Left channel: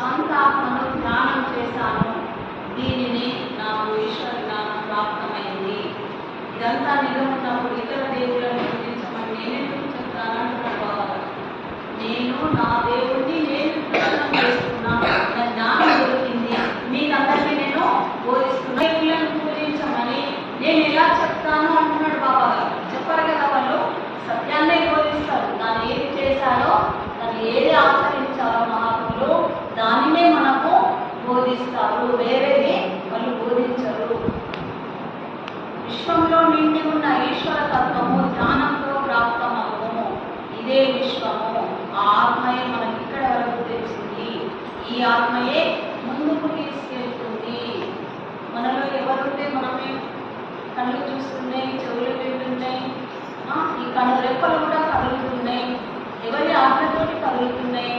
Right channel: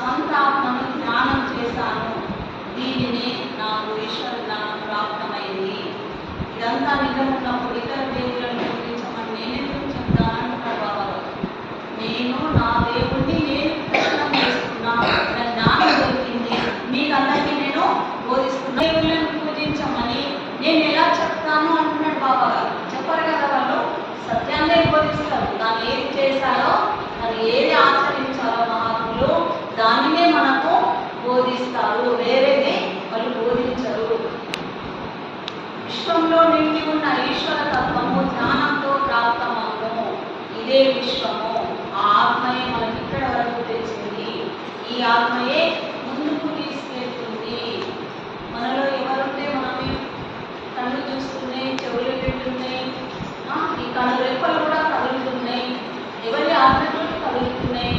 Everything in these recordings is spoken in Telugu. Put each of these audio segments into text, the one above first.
శాంతాత్మను ధ్యానం చేశాను. దీనిని నాకు ఈశ్వరుడు ప్రాప్తమైంది. ఇదంతా నిజం ఉన్నప్పుడు ఇతర దేవులను గుర్తించమని నేనెందుకు చెప్తాను అంటున్నాడు బాబా గారు. నేను నా దేవుణ్ణి నేను దర్శనం చేసుకున్నాను, నా జ్ఞానం దొరికింది, మీకందరికీ నేను బోధిస్తున్నా. దేవుళ్ళను పూజించమని నేను ఎలా చెప్తాను అంటున్నాడు బాబా గారు. చెప్పరు కదా, వాళ్ళు సత్యాన్నే బోధిస్తారు. దాన్ని ఏది చేశారో, దాన్ని ఏది ఆచరించారో మహాత్ములు దానినే మనకు బోధిస్తారు, వేరేది వాళ్ళు బోధించరు. విశ్వంలో నిండి ఉన్న ఈశ్వర తత్వము జ్ఞానంతో ప్రాప్తమవును. ఇదే విశ్వము. ఆ ఆత్మయే మనకి ఇక్కడ వరకు తెచ్చింది. ఈ ఆత్మయే ముందుకు తీసుకెళ్తుంది. మనలో ఎవరుంటే మనమే కళ్ళు చూస్తున్నాయి, చెవులు వింటున్నాయి, ఈ కళ్ళు రెప్పలు కూడా కదులుతున్నాయి. ఎవరి ఆజ్ఞతోటి కదులుతున్నాయి,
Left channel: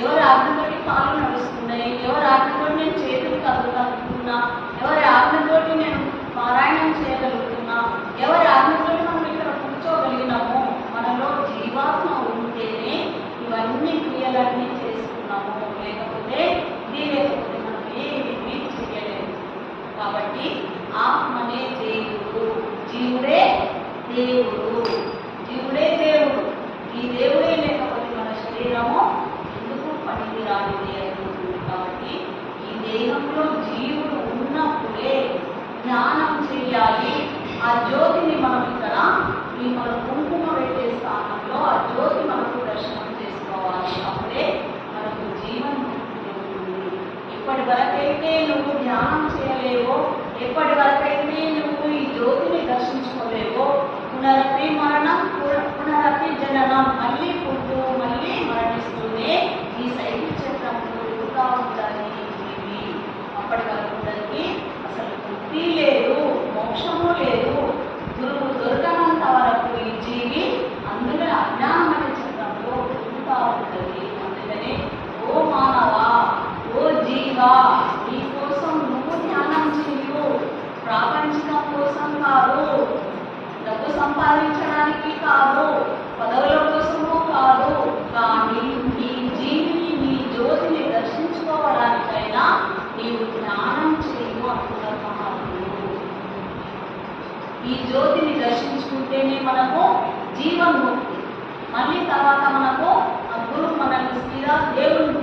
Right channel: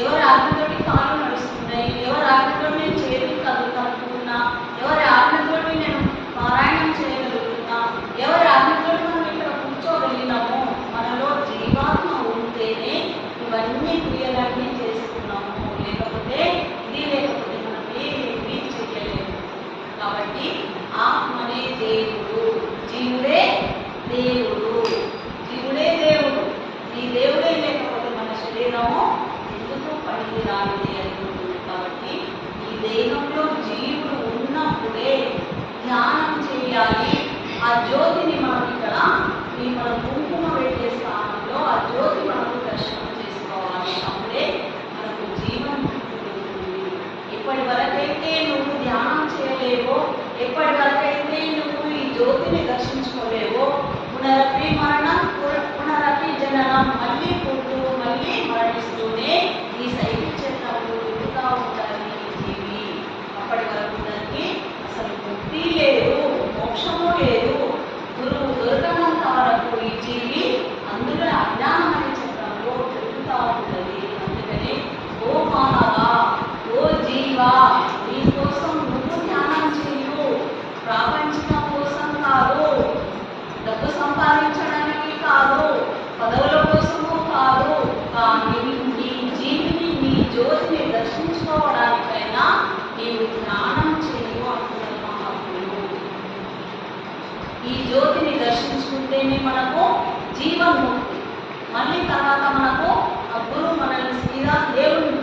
ఎవరి ఆజ్ఞతోటి కాళ్ళు నడుస్తున్నాయి, ఎవరి ఆజ్ఞతోటి నేను చేతులు కదులుతున్నా, ఎవరి ఆజ్ఞతోటి నేను పారాయణం చేయగలుగుతున్నా, ఎవరి ఆజ్ఞతోటి మనం ఇక్కడ కూర్చోగలిగినాము. మనలో జీవాత్మ ఉంటేనే ఇవన్నీ క్రియలన్నీ చేస్తున్నాము. లేకపోతే మనం ఏమీ చేయలేము. కాబట్టి ఆత్మనే దేవుడు, జీవుడే దేవుడు, జీవుడే దేవుడు. ఈ దేవుడే లేకపోతే మన శరీరము ఎందుకు పనికి రానిది అవుతుంది. కాబట్టి ఈ దేహంలో జీవుడు ఉన్నప్పుడే ధ్యానం చేయాలి. ఆ జ్యోతిని మనం ఇక్కడ మన కుంకుమ పెట్టే స్థానంలో ఆ జ్యోతి మనకు దర్శనం చేసుకోవాలి. అప్పుడే మనకు జీవనం ఉంటుంది. ఇప్పటి వరకైతే నువ్వు ధ్యానం చేయలేవో, ఎప్పటి వరకైతే నువ్వు ఈ జ్యోతిని దర్శించుకోలేవో, పునరపి మరణం పునరపి జననం, మళ్ళీ పుట్టు మళ్ళీ మరణిస్తూనే ఈ సైకిల్ చక్రంలో తిరుగుతూ ఉంటారు ఈ జీవి. అప్పటి వరకు దానికి అసలు బుద్ధి లేదు, మోక్షము లేదు. గురువు దొరకనంత వరకు ఈ జీవి అందులో అజ్ఞానం అనే చక్రంలో తిరుగుతూ ఉంటుంది. అందుకని ఓ మానవ, ఓ జీవా, నీ కోసం నువ్వు ధ్యానం చేయు. ప్రాపంచికం కోసం కాదు, డబ్బు సంపాదించడానికి కాదు, పదవుల కోసము కాదు, కానీ నీ జీవిని, నీ జ్యోతిని దర్శించుకోవడానికైనా నీవు ధ్యానం చేయు అంటున్నారు మహాత్ములు. ఈ జ్యోతిని దర్శించుకుంటేనే మనకు జీవన్ముక్తి. మళ్ళీ తర్వాత మనకు ఆ గురువు మనల్ని సీదా దేవుని